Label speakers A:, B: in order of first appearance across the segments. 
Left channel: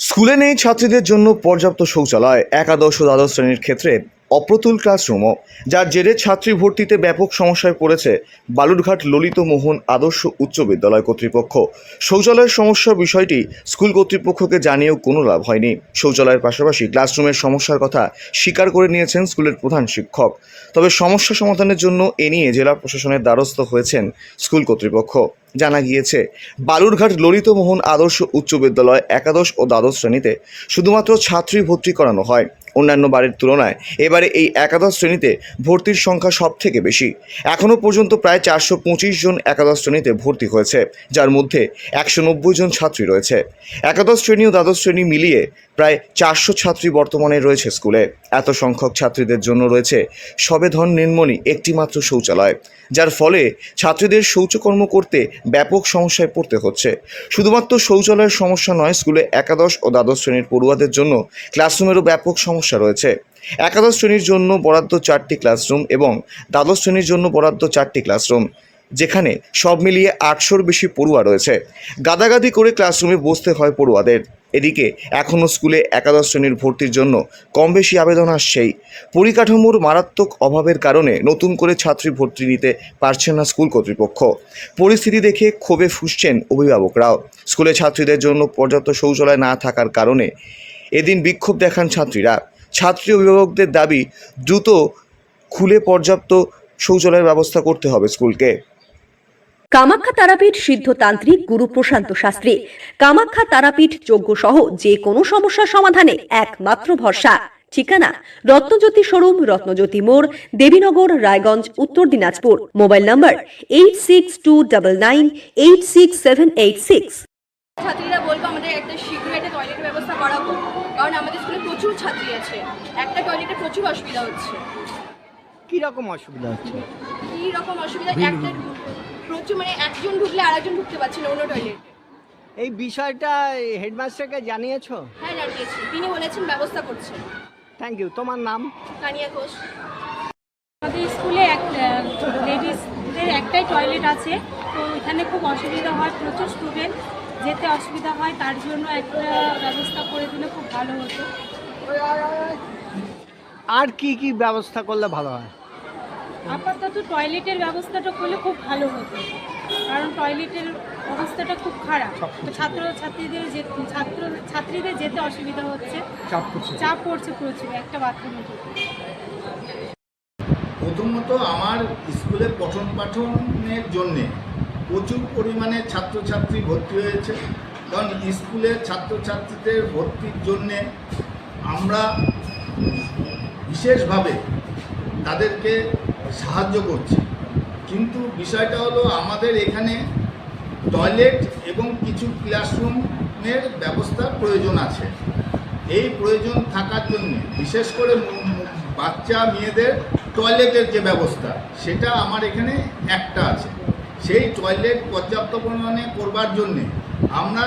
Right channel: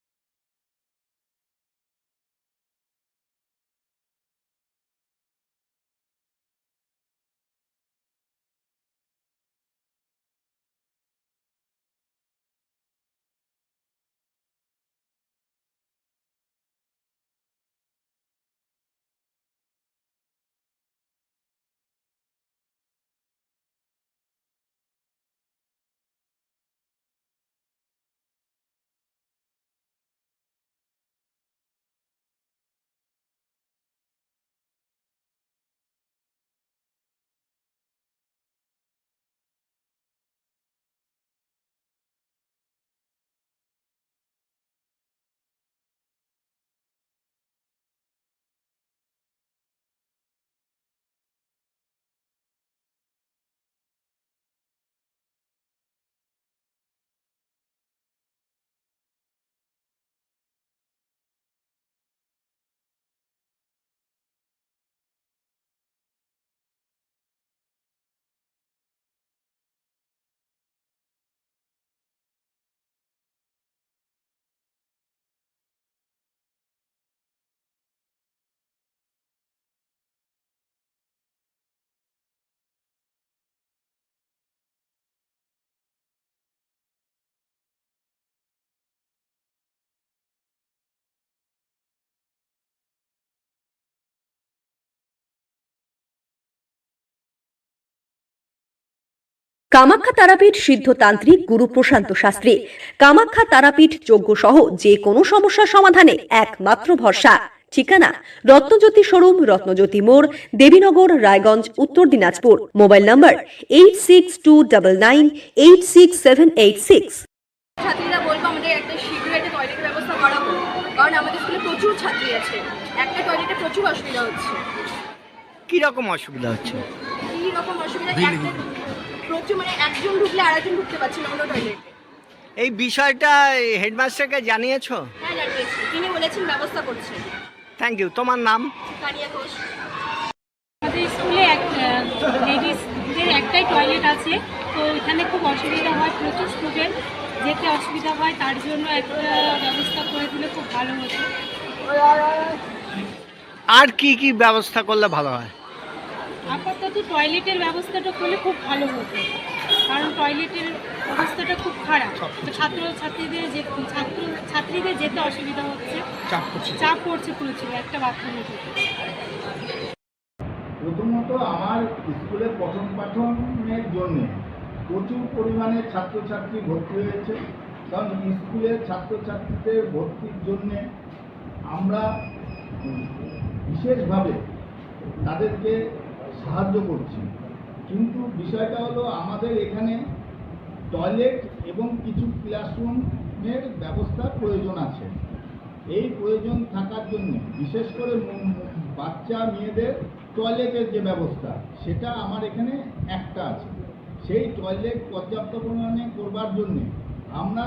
A: স্কুলে নেই ছাত্রীদের জন্য পর্যাপ্ত শৌচালয় একাদশ ও দ্বাদশ শ্রেণির ক্ষেত্রে অপ্রতুল ক্লাসরুমও, যার জেরে ছাত্রী ভর্তিতে ব্যাপক সমস্যায় পড়েছে বালুরঘাট ললিত মোহন আদর্শ উচ্চ বিদ্যালয় কর্তৃপক্ষ। শৌচালয়ের সমস্যার বিষয়টি স্কুল কর্তৃপক্ষকে জানিয়েও কোনো লাভ হয়নি। শৌচালয়ের পাশাপাশি ক্লাসরুমের সমস্যার কথা স্বীকার করে নিয়েছেন স্কুলের প্রধান শিক্ষক। তবে সমস্যা সমাধানের জন্য এ নিয়ে জেলা প্রশাসনের দ্বারস্থ হয়েছেন স্কুল কর্তৃপক্ষ। জানা গিয়েছে, বালুরঘাট ললিত মোহন আদর্শ উচ্চ বিদ্যালয় একাদশ ও দ্বাদশ শ্রেণীতে শুধুমাত্র ছাত্রী ভর্তি করানো হয়। অন্যান্য বারের তুলনায়। এবারে এই একাদশ শ্রেণীতে ভর্তির সংখ্যা সব থেকে বেশি। এখনও পর্যন্ত প্রায় চারশো পঁচিশ জন একাদশ শ্রেণীতে ভর্তি হয়েছে, যার মধ্যে একশো নব্বই জন ছাত্রী রয়েছে। একাদশ শ্রেণি ও দ্বাদশ শ্রেণি মিলিয়ে প্রায় চারশো ছাত্রী বর্তমানে রয়েছে স্কুলে। এত সংখ্যক ছাত্রীদের জন্য রয়েছে সবেধন নির্মণি একটিমাত্র শৌচালয়, যার ফলে ছাত্রীদের শৌচকর্ম করতে ব্যাপক সমস্যায় পড়তে হচ্ছে। শুধুমাত্র শৌচালয়ের সমস্যা নয়, স্কুলে একাদশ ও দ্বাদশ শ্রেণির পড়ুয়াদের জন্য ক্লাসরুমেরও ব্যাপক সমস্যা রয়েছে। একাদশ শ্রেণির জন্য বরাদ্দ চারটি ক্লাসরুম এবং দ্বাদশ শ্রেণির জন্য বরাদ্দ চারটি ক্লাসরুম। যেখানে সব মিলিয়ে আটশোর বেশি পড়ুয়া রয়েছে। গাদাগাদি করে ক্লাসরুমে বসতে হয় পড়ুয়াদের। এদিকে এখনও স্কুলে একাদশ শ্রেণির ভর্তির জন্য কম বেশি আবেদন আসছেই। পরিকাঠামোর মারাত্মক অভাবের কারণে নতুন করে ছাত্রী ভর্তি নিতে পারছেন না স্কুল কর্তৃপক্ষ। পরিস্থিতি দেখে ক্ষোভে ফুসছেন অভিভাবকরাও। স্কুলে ছাত্রীদের জন্য পর্যাপ্ত শৌচালয় না থাকার কারণে এদিন বিক্ষোভ দেখান ছাত্রীরা। ছাত্রী অভিভাবকদের দাবি, দ্রুত খুলে পর্যাপ্ত শৌচালয়ের ব্যবস্থা করতে হবে স্কুলকে।
B: কামাখ্যা তারাপীঠ সিদ্ধতান্ত্রিক গুরু প্রশান্ত শাস্ত্রী। কামাখ্যা তারাপীঠ যজ্ঞ সহ যে কোনো সমস্যার সমাধানে একমাত্র ভরসা। ঠিকানা রত্নজ্যোতি শোরুম রত্নজ্যোতি মোড় Debinagar Raiganj Uttar Dinajpur. Mobile number eight six two double nine eight six seven eight six
C: ছাত্রীরা বলব আমাদের একটা শীঘ্রই একটা টয়লেটের ব্যবস্থা করাবো। কারণ আমাদের স্কুলে প্রচুর ছাত্রী আছে। একটা টয়লেটে প্রচুর অসুবিধা হচ্ছে।
D: কি রকম অসুবিধা হচ্ছে?
C: কি রকম অসুবিধা একটা প্রচুর মানে একজন ঢুকলে আরেকজন ঢুকতে পারছে না অন্য টয়লেটে
D: এই বিষয়টা হেডমাস্টারকে জানিয়েছো?
C: হ্যাঁ জানিয়েছি। তিনি বলেছেন ব্যবস্থা করছেন
D: থ্যাংক ইউ তোমার নাম?
C: তানিয়া ঘোষ।
E: আমাদের স্কুলে এক লেডিসদের একটাই টয়লেট আছে। তো এখানে খুব অসুবিধা হয় প্রচুর স্টুডেন্ট যেতে অসুবিধা হয় তার জন্য একটা ব্যবস্থা করে দিলে খুব ভালো হতো।
D: আর কি কি ব্যবস্থা করলে ভালো হয়?
E: আপাতত টয়লেটের ব্যবস্থাটা করলে খুব ভালো হতো। কারণ টয়লেটের অবস্থাটা খুব খারাপ। তো ছাত্র ছাত্রীদের যে ছাত্র ছাত্রীদের যেতে অসুবিধা হচ্ছে। চাপ পড়ছে। চাপ পড়ছে প্রচুর একটা বাথরুমে যেতে
F: প্রথমত আমার স্কুলে পঠন পাঠনের জন্যে প্রচুর পরিমাণে ছাত্রছাত্রী ভর্তি হয়েছে। কারণ স্কুলে ছাত্রছাত্রীদের ভর্তির জন্যে আমরা বিশেষভাবে তাদেরকে সাহায্য করছে। কিন্তু বিষয়টা হলো আমাদের এখানে টয়লেট এবং কিছু ক্লাসরুমের ব্যবস্থার প্রয়োজন আছে। এই প্রয়োজন থাকার জন্য বিশেষ করে বাচ্চা মেয়েদের টয়লেটের যে ব্যবস্থা, সেটা আমার এখানে একটা আছে। সেই টয়লেট পর্যাপ্ত পরিমাণে করবার জন্যে আমরা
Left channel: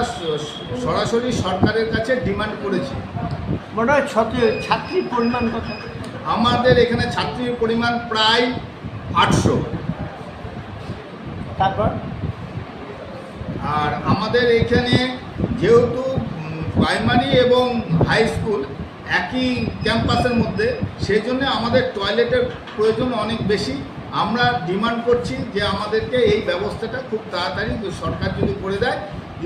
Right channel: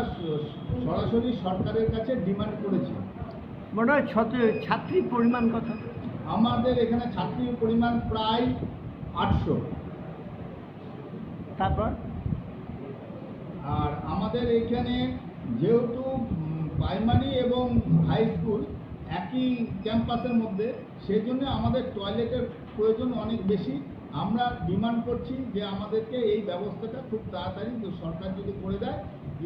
F: সরাসরি সরকারের কাছে ডিমান্ড করেছি।
D: হয়, ছাত্রী পরিমাণ কত
F: আমাদের এখানে ছাত্রীর পরিমাণ প্রায় আটশো।
D: তারপর?
F: আর আমাদের এখানে যেহেতু প্রাইমারি এবং হাই স্কুল একই ক্যাম্পাসের মধ্যে সেই জন্য আমাদের টয়লেটের প্রয়োজন অনেক বেশি। আমরা ডিমান্ড করছি যে আমাদেরকে এই ব্যবস্থাটা খুব তাড়াতাড়ি সরকার যদি করে দেয়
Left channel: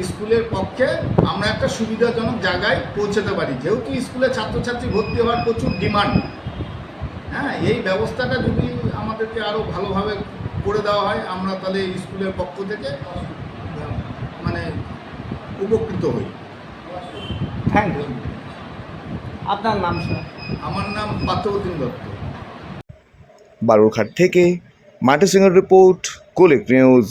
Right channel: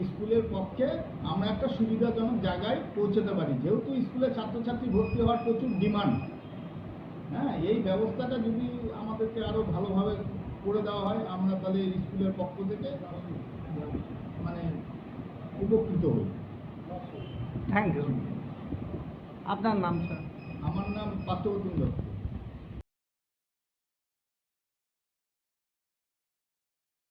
F: স্কুলের পক্ষে আমরা একটা সুবিধাজনক জায়গায় পৌঁছাতে পারি। যেহেতু স্কুলে ছাত্রছাত্রী ভর্তি হওয়ার প্রচুর ডিমান্ড হ্যাঁ এই ব্যবস্থাটা যদি আমাদেরকে আরও ভালোভাবে করে দেওয়া হয় আমরা তাহলে স্কুলের পক্ষ থেকে মানে উপকৃত হই।
D: থ্যাংক ইউ আপনার নাম স্যার
F: আমার নাম পার্থপ্রতিম দত্ত।
A: বালুরঘাট থেকে মাটি সিংহের রিপোর্ট কোলিক নিউজ